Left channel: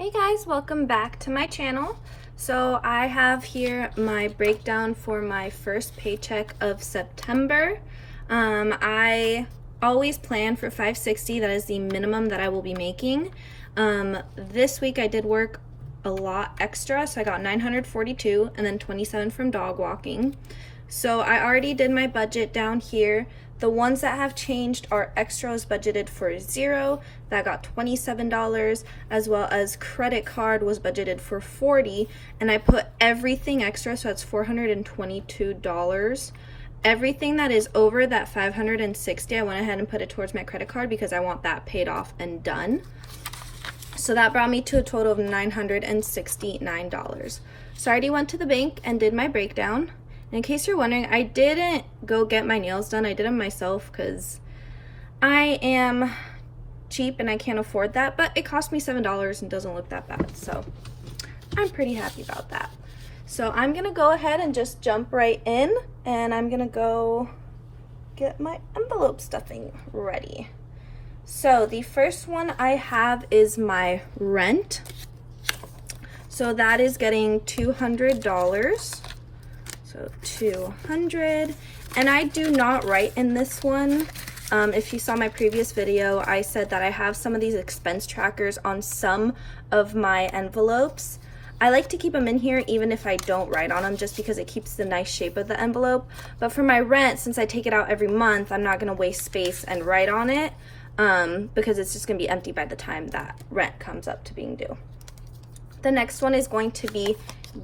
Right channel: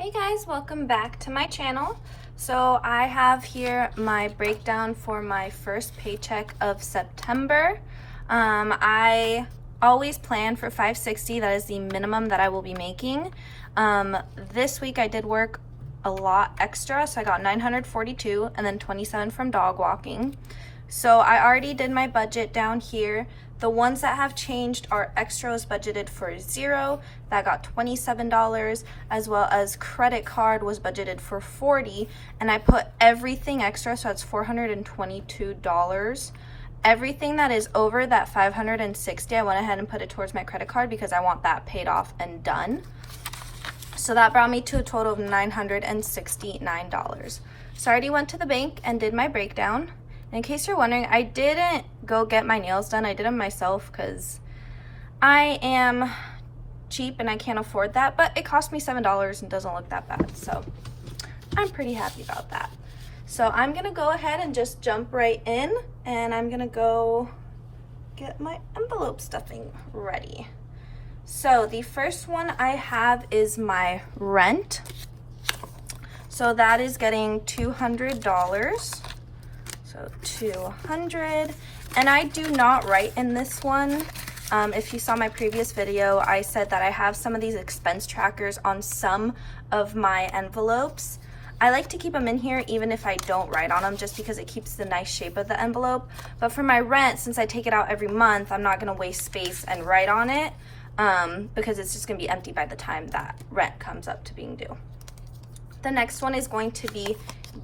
Hey guys, welcome back to my channel. So I have here my breakdown for my first paycheck of September. I always plan for $560. That is the minimum that I will be making. This week I did work a lot extra, so I got $942 and then $27 from dog walking. So I already did my budget down here. The ones that have changed are extra was budgeted for $0, that got $27, as well as credit card was budgeted for $40, and I put everything extra, so that's $422. Everything that is over that $560, I went ahead and put it towards my credit card because I want that paid off and done. So that brought me to a total of $969. So I already went to the bank and did my breakdown. In case you're wondering, I didn't go get my nails done. I did them myself because I am cheap and I can't afford that, but it cost me $7 and doesn't look that bad. So I'm pretty happy about that. So I'm gonna go ahead and just jump right in, and I'm gonna go get my envelope stuffing ready. So the first one I have is my rent. So that is getting $200. So 200, and I do not write in this one. If you saw my previous video, I said that I have some of these expense trackers on some of my envelopes. I like to keep them in here even if I don't write on them, just because it keeps the nice shape of the envelope. But for my rent, since I take it out every month, I'm not gonna waste space and write on it because it's just gonna be empty by the time that rent comes up to being due. The next one is going to be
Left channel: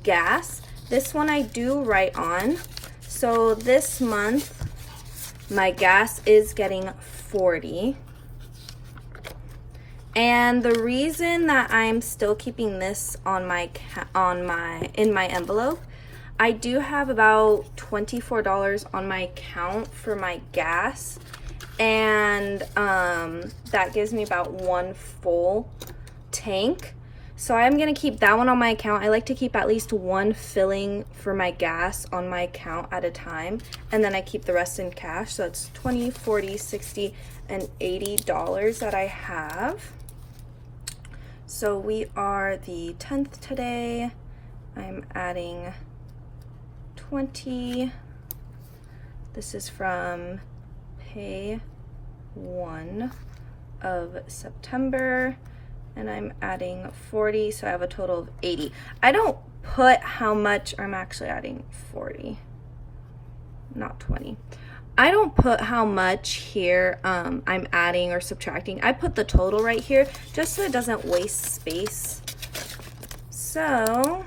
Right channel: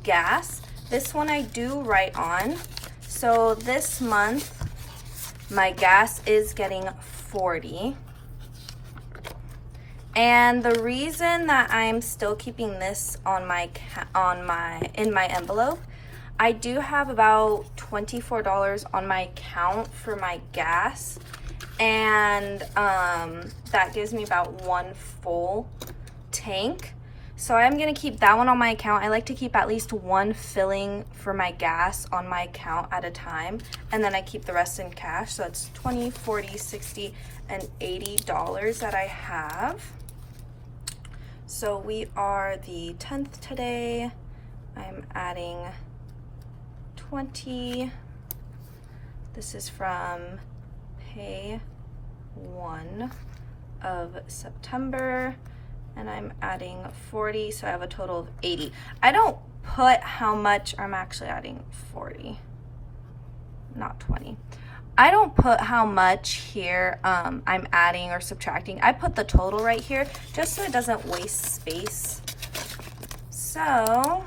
gas. This one I do write on. So this month, my gas is getting $40. And the reason that I'm still keeping this on in my envelope, I do have about $24 on my account for my gas, and that gives me about one full tank. So I'm gonna keep that one on my account. I like to keep at least one filling for my gas on my account at a time, and then I keep the rest in cash. So it's $20, $40, $60, and $80 that I have. So we are the 10th today. I'm adding 20. This is from pay 1 of September. And I'm adding 40, so I have a total of 80. I don't put how much I'm actually adding 40, not 20. I don't put how much here I'm adding or subtracting. I put the total right here just so it doesn't waste space. So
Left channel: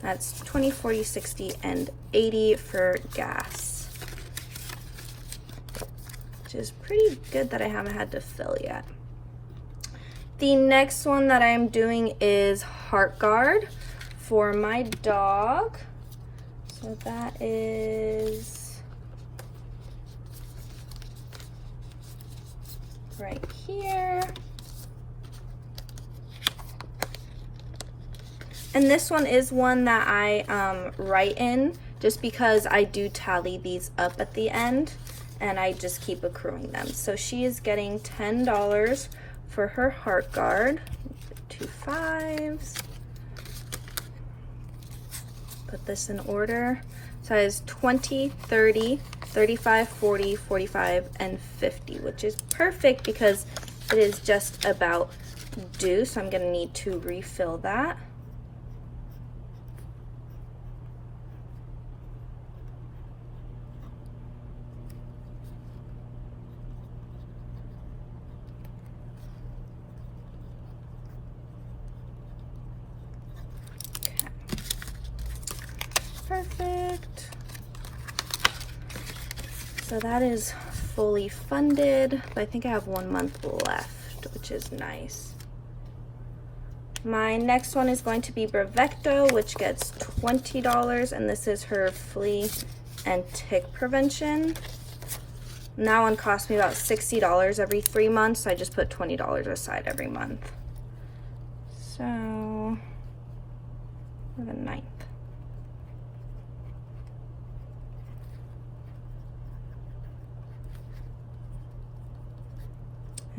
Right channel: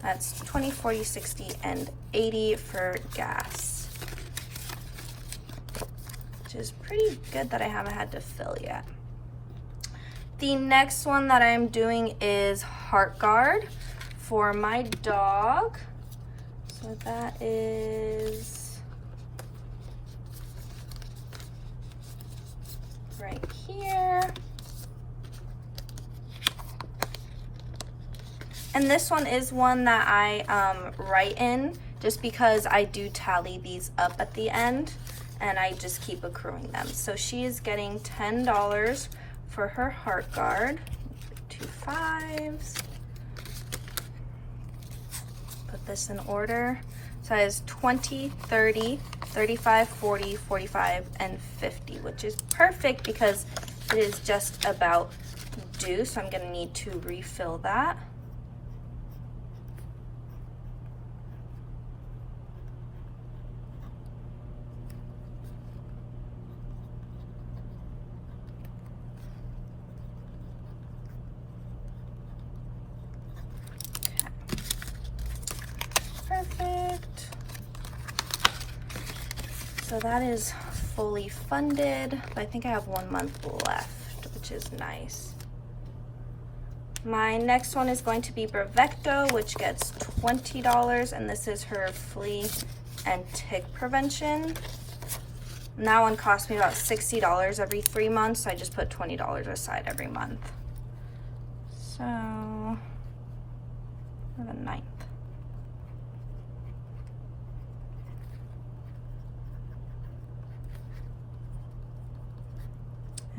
that's 20, 40, 60, and 80 for gas, which is pretty good that I haven't had to fill yet. The next one that I'm doing is heart guard for my dog. So that is right here. And this one is one that I write in just because I do tally these up at the end and I just keep accruing them. So she is getting $10 for her heart guard. 2 5s. Put this in order. So it is 20, 30, 35, 40, 45, and 50, which is perfect because it is just about due. So I'm gonna need to refill that. Perfect. So that is fully funded, but I think I have 1 month left, which is nice. My next one is going to be Bravecto, which gets $20, and this is her flea and tick prevention. And that one cost me about $60 every 3 months, so I just put $20 aside every month. So, for the 9th.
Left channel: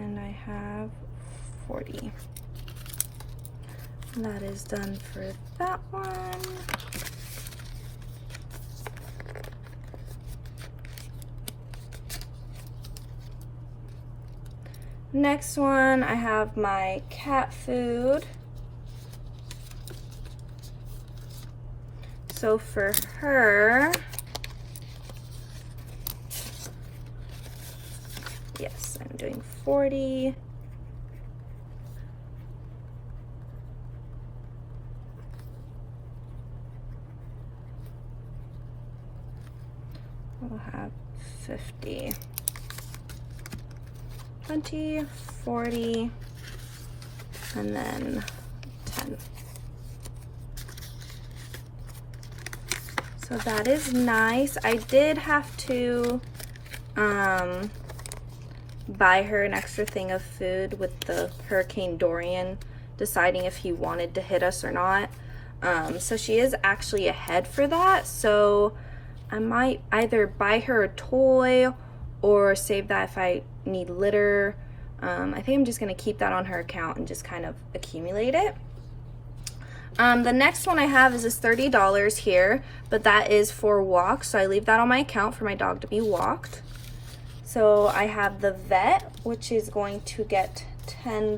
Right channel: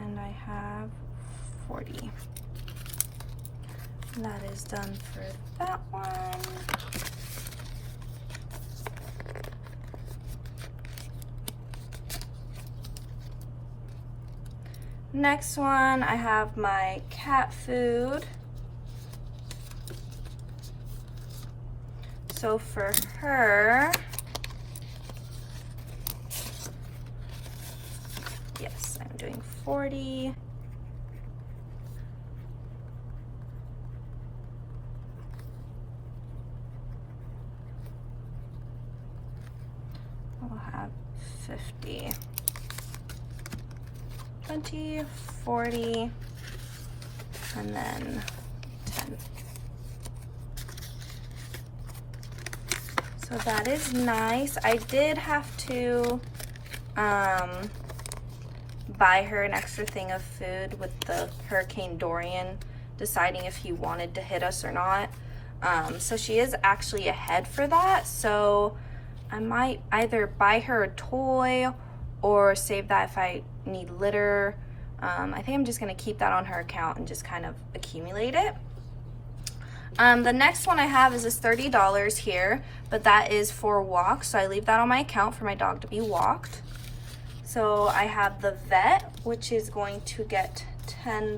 And I have 40. That is done for that one. Next one, I have my cat food. So for her, yes, I'm doing 40. I'll have 50. 20, 40, and then 10. So that is nice. I did have to buy her an extra thing of food with the Hurricane Dorian deciding if he wanted to hit us or not. So she is actually ahead for that. So I might either buy her a toy or save that if I need litter. I think I'm just gonna keep that on her account and just kind of accumulate it. The next one I have is this $30 here, but that is for walks, so I leave that on my account for my dog to be walked. So I have the vet, which is going to get $10.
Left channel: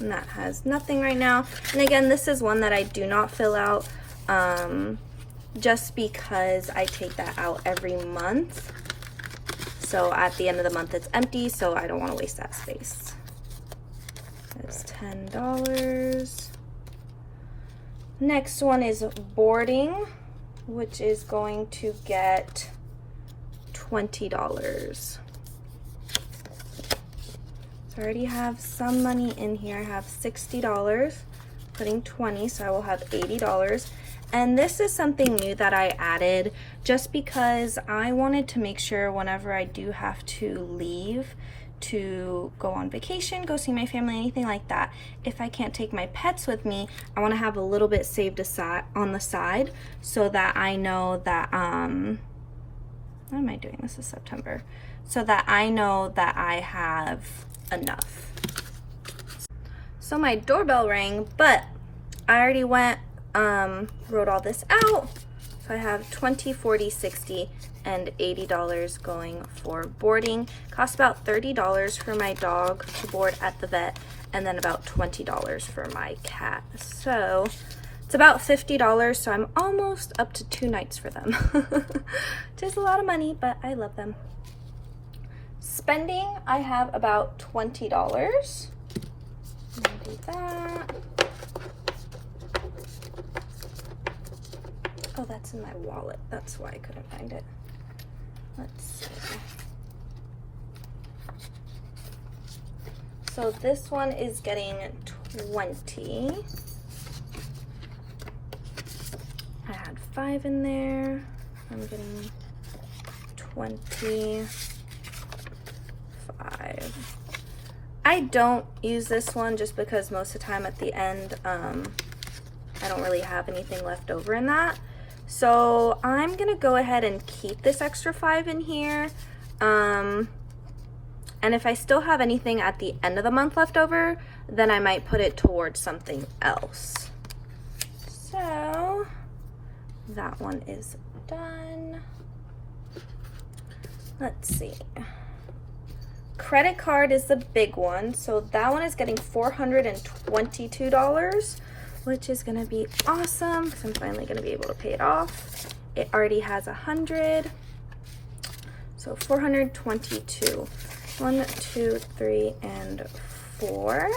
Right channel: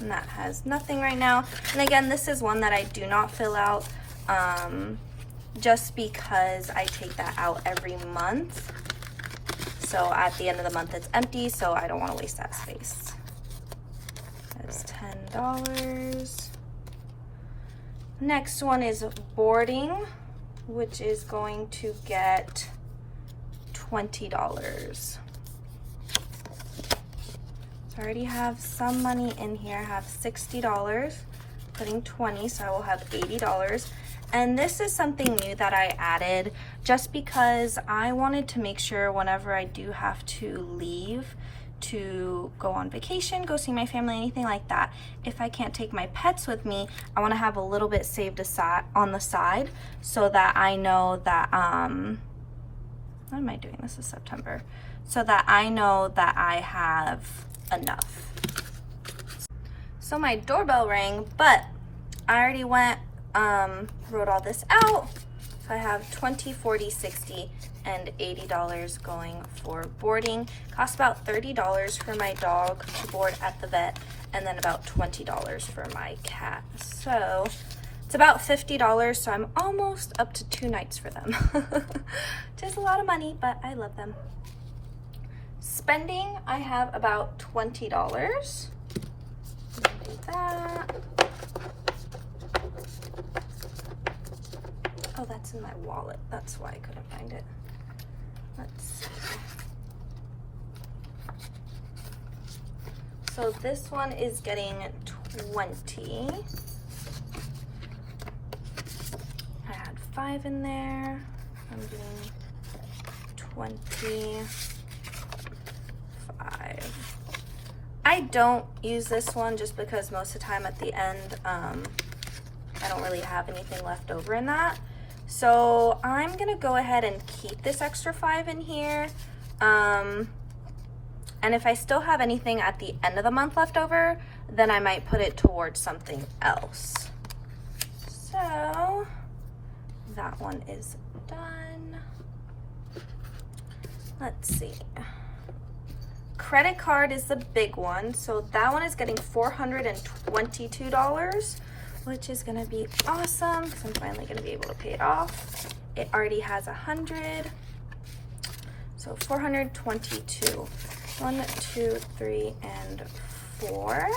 And that has nothing right now. And again, this is one that I do not fill out just because I take that out every month. So at the end of the month it's empty, so I don't want to waste that space. That's $10. Next one is boarding, which is going to get $20. So I already have some money in here. I have $60, putting 20, so I will have $80. And this is something new that I added just because I wanted to make sure whenever I do have to leave to go on vacation, go see my family, anything like that, if I can't take my pets with me, I want to have a little bit saved aside on the side so that I know that, what am I doing? This is September. So that I know that I have enough. So my doorbell rang, but I already went wrote all this out. So I have 20, 40, 60, and $80 going for boarding. Costs about $30 for my dog to board at the vet, and then about $20 for my cat. So it's about $50, so I'm almost up to 2 nights for them. Just a lot of money, but I love them. Spending, I have about $20. Do that. Oh, that's in my wallet. That's why I couldn't find it. Let's see. So this one is getting 20. I had 5 in there. I'm getting 25. I don't use this one just because most of the time at the end, I don't really have anything left over in that. So I'm gonna go ahead and keep this extra 5 in here. And if I still have anything at the end of the month left over, then I might put it towards something else. So that one is done. Let's see. Credit card is the big one. So that one is getting $422. Which is gonna be awesome because I'm finally gonna be able to pay it off. It already has 100, so 422. 1, 2, 3, and 4.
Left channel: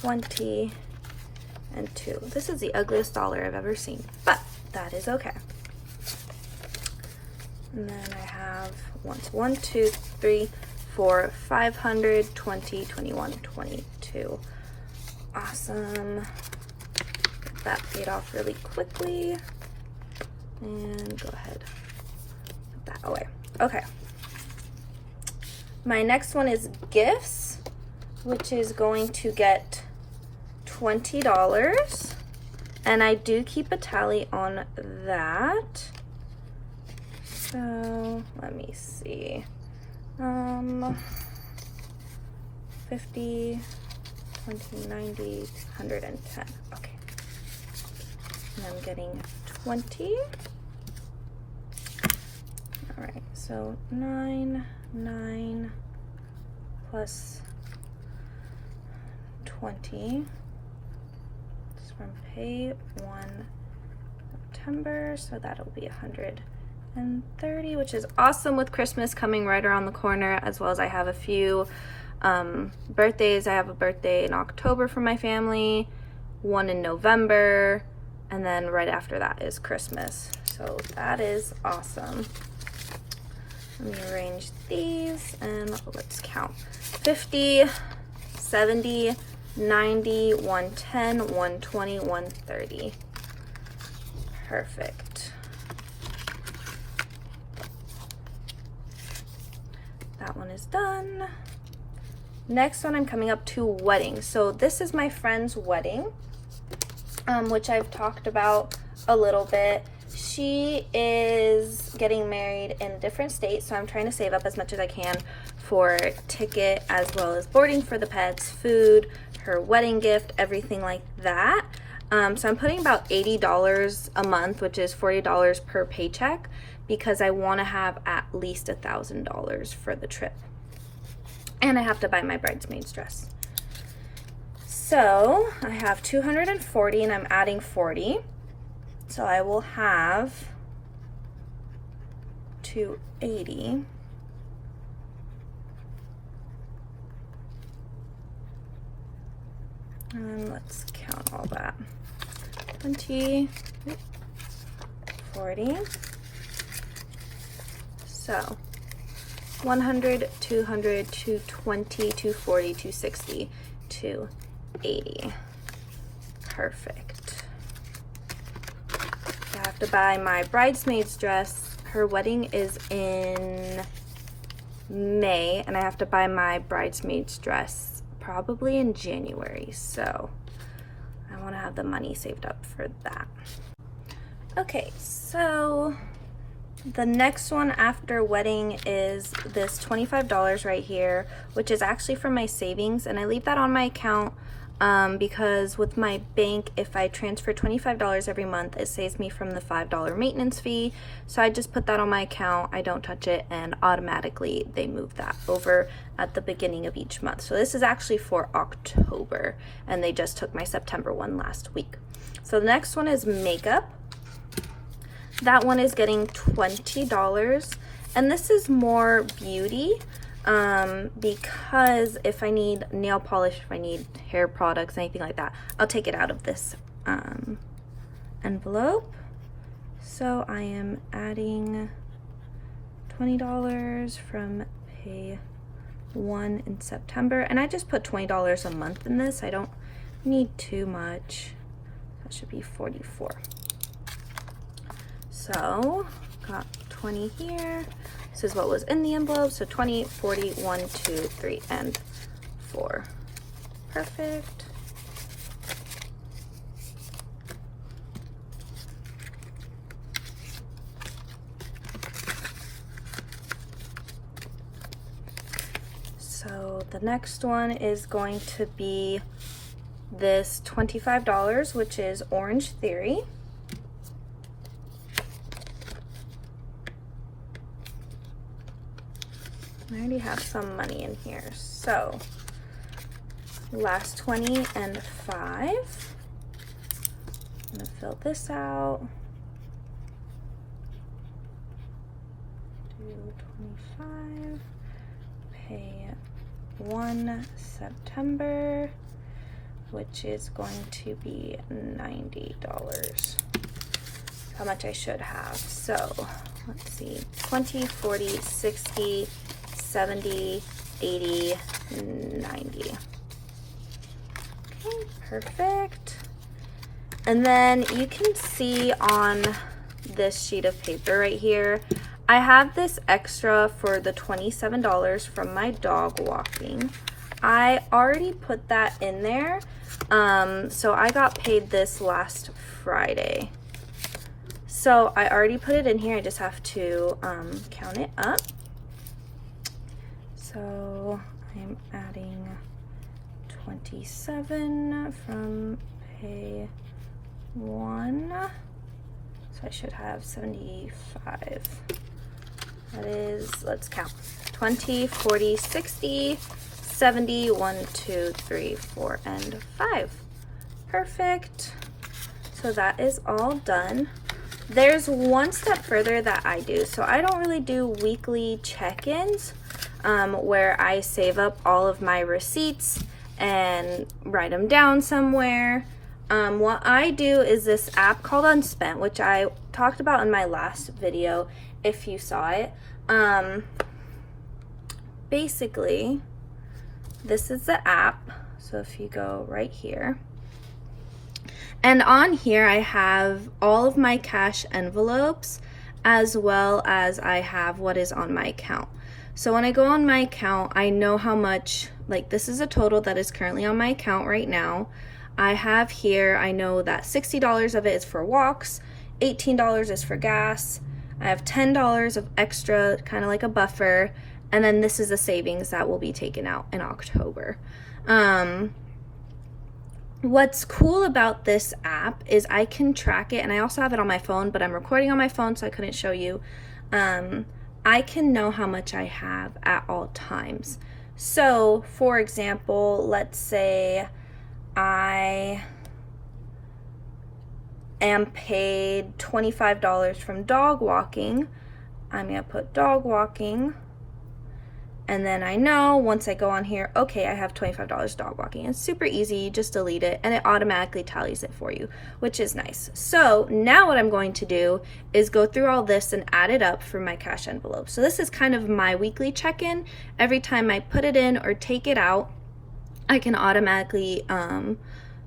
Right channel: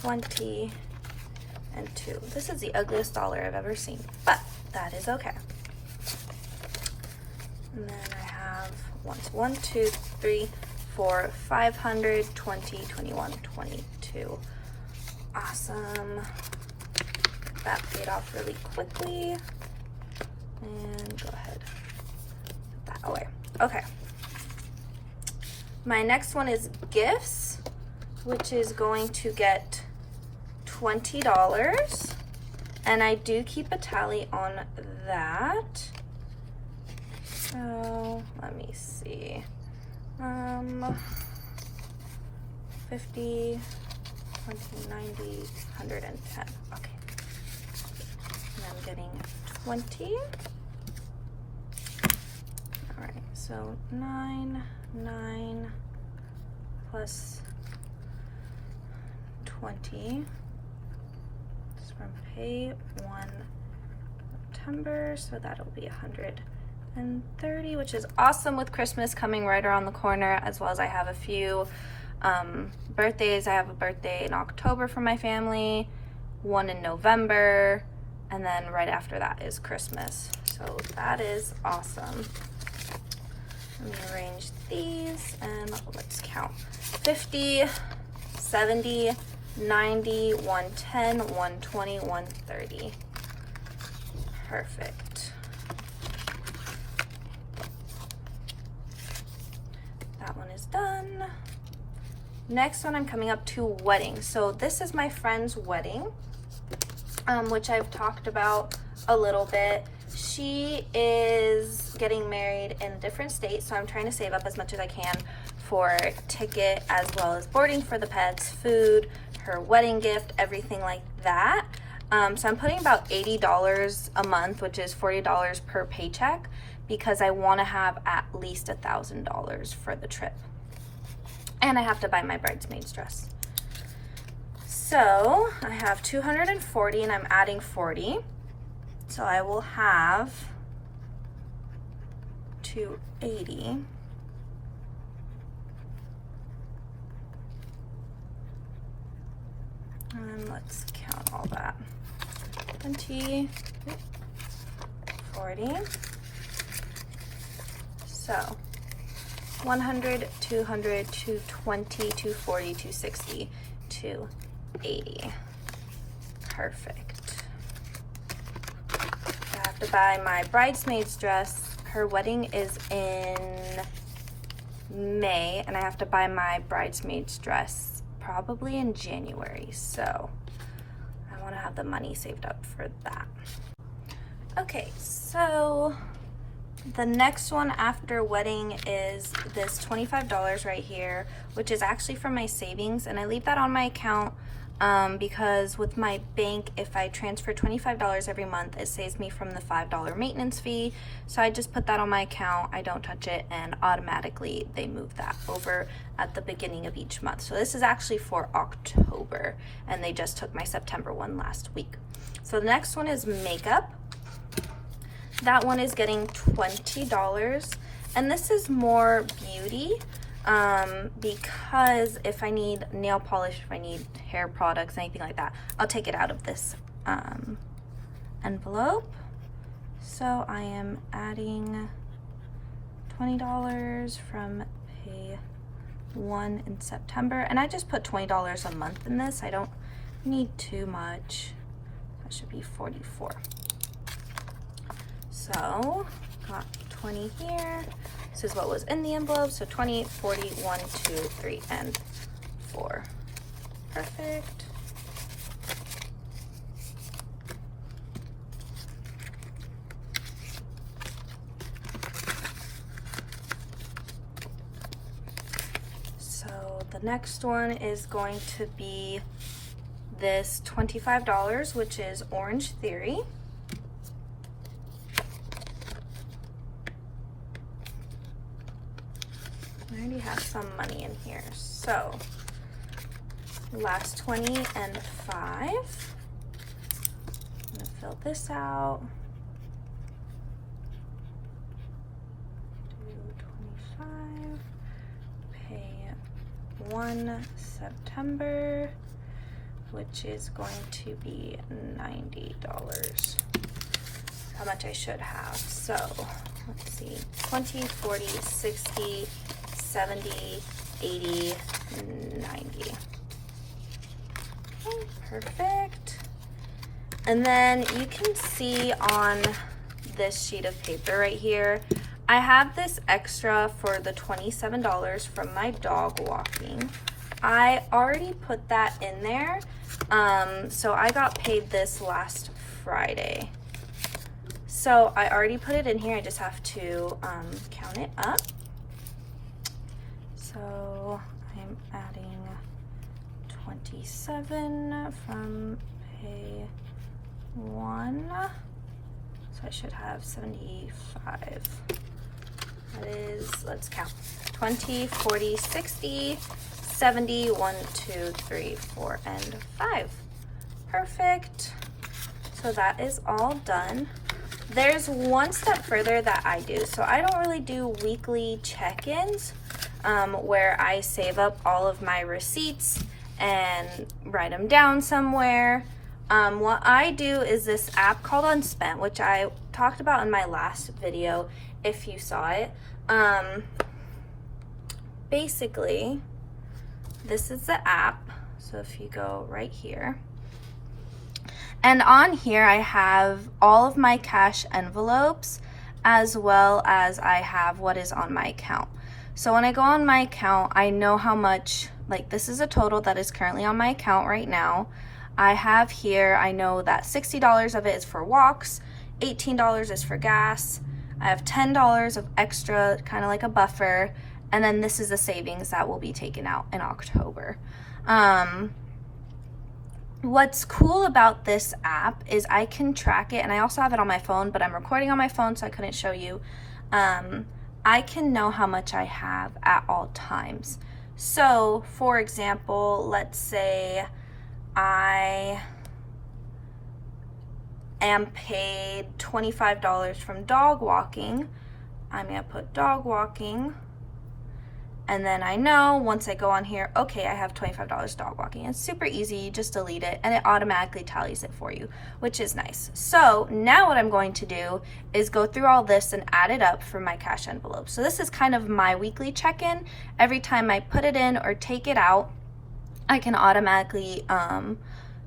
20 and 2. This is the ugliest dollar I've ever seen, but that is okay. And then I have 1, 2, 3, 4, 500, 20, 21, 22. Awesome. That paid off really quickly. And go ahead, put that away. Okay. My next one is gifts, which is going to get $20. And I do keep a tally on that. So let me see. 50, 20, 90, 110. Okay. And I'm getting 20. All right, so 9 plus 20. It's from pay 1 September, so that'll be 130, which is awesome with Christmas coming right around the corner, as well as I have a few birthdays. I have a birthday in October for my family, one in November, and then right after that is Christmas. So that is awesome. Let me arrange these and let's count. 50, 70, 90, 110, 120, 130. Perfect. That one is done. Next one, I'm coming up to weddings. So this is my friend's wedding, which I've talked about a little bit. She is getting married in a different state, so I'm trying to save up as much as I can for ticket as well as boarding for the pets, food, her wedding gift, everything like that. So I'm putting about $80 a month, which is $40 per paycheck, because I want to have at least $1,000 for the trip. And I have to buy my bridesmaid's dress. So I have 240 and I'm adding 40. So I will have 280. And let's count all that. 20, 40. So 100, 200, 220, 240, 260, 280. Perfect. I have to buy my bridesmaid's dress. Her wedding is in May, and I have to buy my bridesmaid's dress probably in January. So I want to have the money saved up for that. Okay, so the next one after wedding is this $25 right here, which is actually from my savings, and I leave that on my account because with my bank, if I transfer $25 every month, it saves me from the $5 maintenance fee. So I just put that on my account, I don't touch it, and automatically they move that over at the beginning of each month. So this is actually for October, and they just took my September one last week. So the next one is makeup. That one is getting $20, and this is more beauty because if I need nail polish, if I need hair products, anything like that, I'll take it out of this envelope. So I am adding $20 from pay 1 in September, and I just put $20 a month in this. I don't need too much. That should be 44. So, got 20 here. This is what was in the envelope. So 20, 40, 1, 2, 3, and 4. Perfect. So the next one is going to be this $25, which is Orange Theory. I already have some money in here, so last 20 and 5. I'm gonna fill this out. 225. Pay 1 September, which is going to be $90. How much I should have. So let's see, 20, 40, 60, 70, 80, 90. Okay, perfect. And then you can see on this sheet of paper right here, I have this extra for the $27 from my dog walking. I already put that in there. So I got paid this last Friday. So I already put it in here. I just have to count it up. So I'm adding 27 from pay 1. So I should have 75. That is, let's count. 20, 40, 60, 70, 1, 2, 3, 4, and 5. Perfect. So that is all done. There's one step further that I do. So I don't really do weekly check-ins where I save up all of my receipts and write them down somewhere. What I do is this app called Unspent, which I talked about in my last video if you saw it. Basically, this is the app. So if you go right here, and on here I have all of my cash envelopes as well as I have what is on my account. So when I go on my account, I know how much, like this is a total that is currently on my account right now. I have here, I know that $60 of it is for walks, $18 is for gas, I have $10 of extra, kind of like a buffer, and then this is the savings that will be taken out in October. What's cool about this app is I can track it, and I also have it on my phone, but I'm recording on my phone so I couldn't show you. I can know how much I have at all times. So for example, let's say I am paid $25 from dog walking. I'm gonna put dog walking, and then I know once I go on here, okay, I have $25 dog walking. It's super easy, you just delete it and it automatically tallies it for you, which is nice. So now what I'm going to do is go through all this and add it up for my cash envelope. So this is kind of my weekly check-in. Every time I put it in or take it out, I can automatically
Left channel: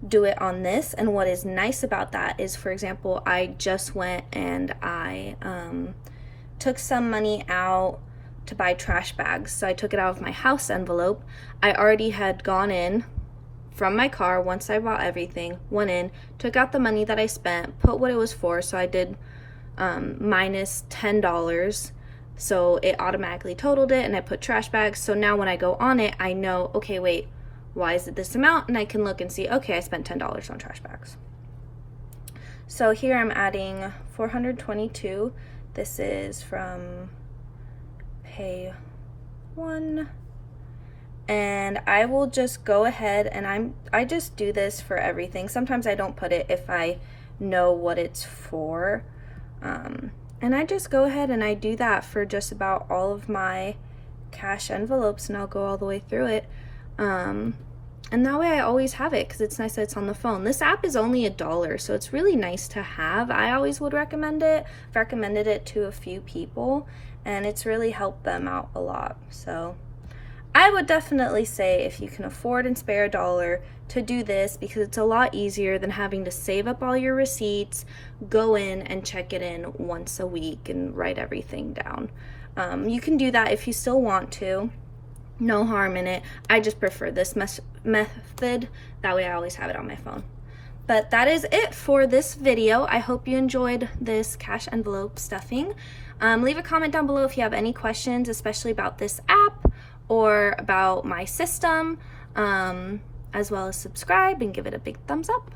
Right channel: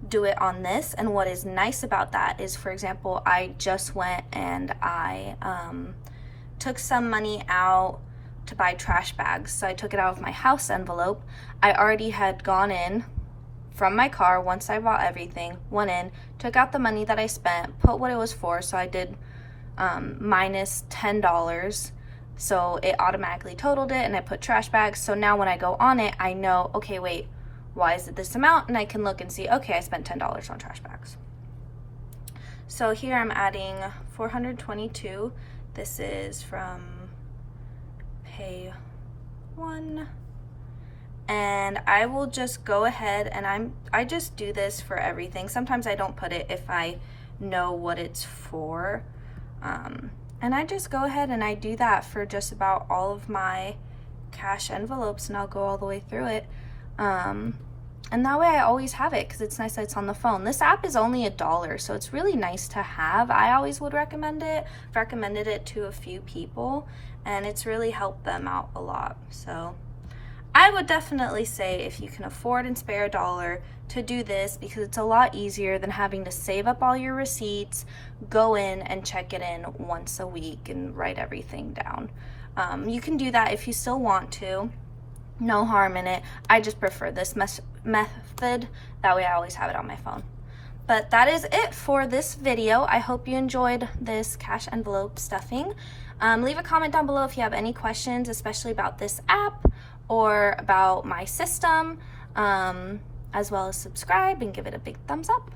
do it on this. And what is nice about that is, for example, I just went and I took some money out to buy trash bags. So I took it out of my house envelope. I already had gone in from my car once I bought everything, went in, took out the money that I spent, put what it was for. So I did minus $10. So it automatically totaled it, and I put trash bags. So now when I go on it, I know, okay, wait, why is it this amount? And I can look and see, okay, I spent $10 on trash bags. So here I'm adding 422. This is from pay 1, and I will just go ahead and I just do this for everything. Sometimes I don't put it if I know what it's for, and I just go ahead and I do that for just about all of my cash envelopes, and I'll go all the way through it, and that way I always have it because it's nice that it's on the phone. This app is only $1, so it's really nice to have. I always would recommend it. I've recommended it to a few people, and it's really helped them out a lot. So I would definitely say if you can afford and spare $1 to do this, because it's a lot easier than having to save up all your receipts, go in and check it in once a week and write everything down. You can do that if you still want to. No harm in it. I just prefer this method. That way I always have it on my phone. But that is it for this video. I hope you enjoyed this cash envelope stuffing. Leave a comment down below if you have any questions, especially about this app or about my system, as well as subscribe and give it a big thumbs up.